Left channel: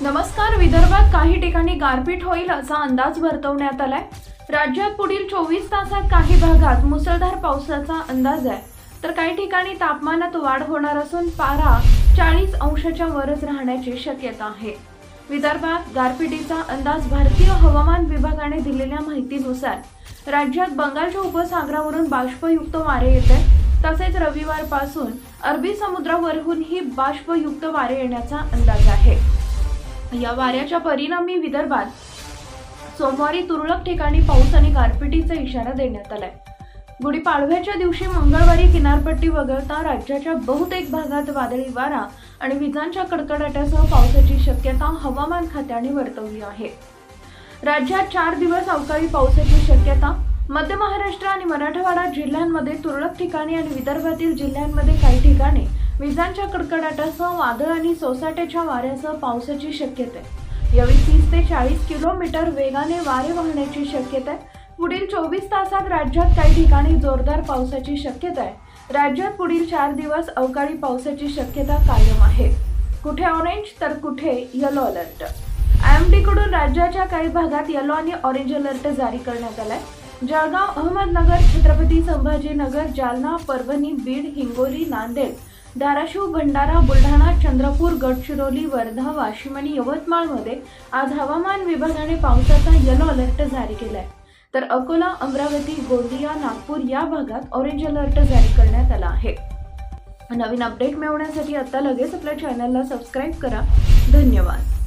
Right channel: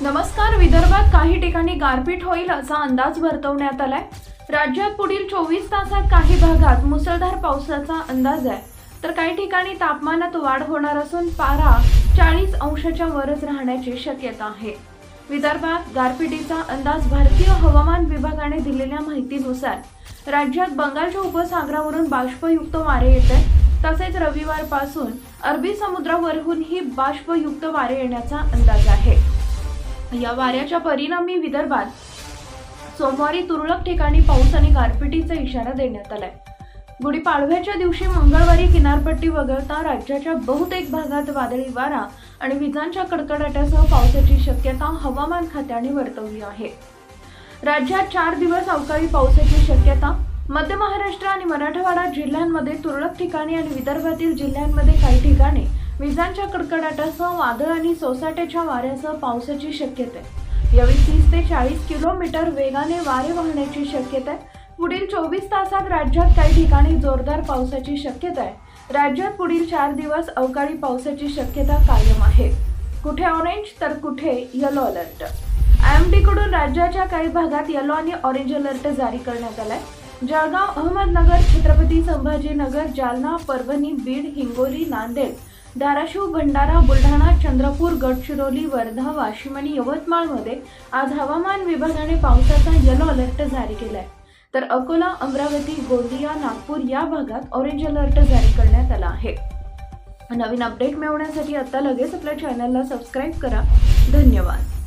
नमस्कार विदर्भात काही ठिकाणी गारपीट होईल असा अंदाज वर्तवण्यात आलाय. राज्यात पुढील चोवीस तासात काही भागात मुसळधार पावसाचा अंदाज आहे. तर काही ठिकाणी तापमानात वाढ होणार असून पारा चाळीस अंशाच्या वरच राहण्याची शक्यता आहे. विदर्भात गारपिटीचा अंदाज भारतीय हवामान विभागाने दिलेल्या माहितीनुसार राज्यात बंगालच्या उपसागरावरून बाष्पयुक्त वारे येत आहे तसेच रविवारपासून अरबी समुद्रावरहूनही बाष्पयुक्त वारे येण्याचा अंदाज आहे. या वाऱ्याच्या परिणामी विदर्भात सोमवारी तुरळक ठिकाणी पाऊस आणि गारपिटीचा इशारा देण्यात आलाय. गुढीपाडव्याच्या दिवशी मंगळवारी किनारपट्टी वगळता राज्याच्या बहुतेक भागात वादळी वारा आणि विजांच्या कडकडाटासह पावसाची शक्यता हवामान खात्याने वर्तवली आहे. राज्यात चार दिवस अवकाळी पावसाची शक्यता मध्य महाराष्ट्र आणि मराठवाडा जिल्ह्यांमध्ये तुरळक ठिकाणी आणि विदर्भातील जिल्ह्यांमध्ये काही ठिकाणी विजांच्या कडकडाटासह वादळ आणि सोसाट्याच्या वाऱ्यासह पावसाची शक्यता. आहे यावेळी तीस ते चाळीस किलोमीटर वेगाने वारे वाहण्याची शक्यता. आहे पुढील चोवीस तासात राज्यात काही ठिकाणी जोरदार पावसाची शक्यता आहे. राज्यात पुढील चार दिवस अवकाळी पावसाची शक्यता कायम आहे. कुठे ऑरेंज तर कुठे येलो अलर्ट आय एम डीकडून राज्याच्या काही भागात येलो आणि ऑरेंज अलर्ट जारी करण्यात आलाय. जळगाव अहमदनगर छत्रपती संभाजीनगर जालना परभणी बीड हिंगोली नांदेड धाराशिव भंडारा बुलढाणा चंद्रपूर गडचिरोली वर्धा वाशिम आणि यवतमाळमध्ये आज हवामान विभागाने पावसाचा येलो अलर्ट जारी केलाय. तर अकोला अमरावती गोंदिया नागपूर या भागात ऑरेंज अलर्ट जारी करण्यात आला आहे. नवीन अपडेट मिळवण्यासाठी आता लगेच आपल्या चॅनलला सबस्क्राईब करा. धन्यवाद.